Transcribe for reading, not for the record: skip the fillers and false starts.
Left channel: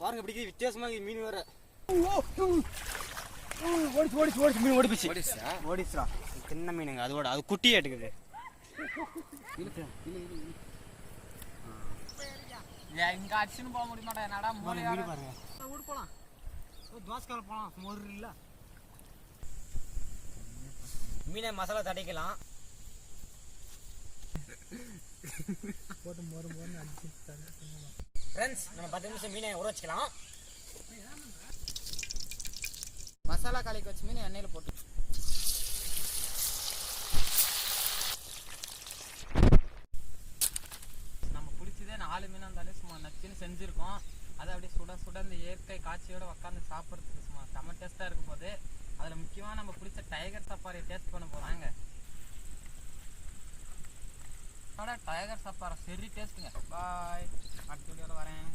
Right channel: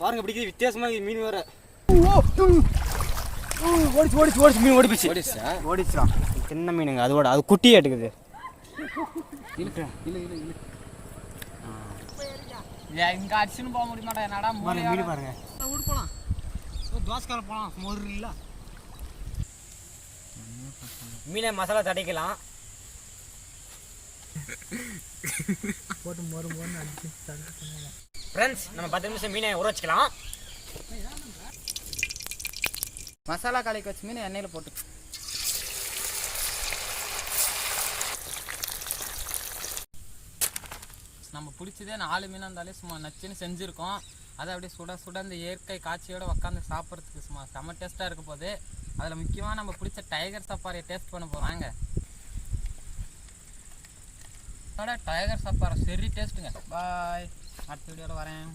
பாருங்க பிடிக்குது வித்தியாசமாக மீன் வேற. ஓடிச்சு மீன் ஓடிச்சா சின்ன மீனுங்க. அதோட அது குட்டியே எடுக்குது. இங்கே அடிச்சுன்னு போக முடியுமாடா என்னடா மீன் பாருங்க. வீடு போகலாம், தோசைக்கார போகலாம். மொறு இல்லை மீனை மசாலா தடைக்கலாம் போட்டு மொறு அடிச்சு ஃப்ரெண்ட்ஸ். நம்ம 10 நிமிஷம் மீனை ஊற வச்சுக்கலாம். மசாலா கலக்கி வச்சு மீன் எண்ணெயில் போட்டு நம்ம பிடிச்சதே 4 மீனாக இருந்தாலே சும்மா நச்சுன்னு செஞ்சுருக்கோம். அதை அப்படியே சுட சுட இந்த இயற்கை காட்சியோடு உட்காந்து சாப்பிட்றதுக்கு சும்மா செம்ம டேஸ்ட்டாக இருக்க போது. அதில் முக்கியமாக நம்ம பிடிச்ச டைகர் சஃபாரியை டேஸ்ட் பண்ண போகிறாங்க. டைகர் சஃபாரி சரி டேஸ்ட்டுங்க. பாய், அடுத்த வீடியோவில் வரேன்.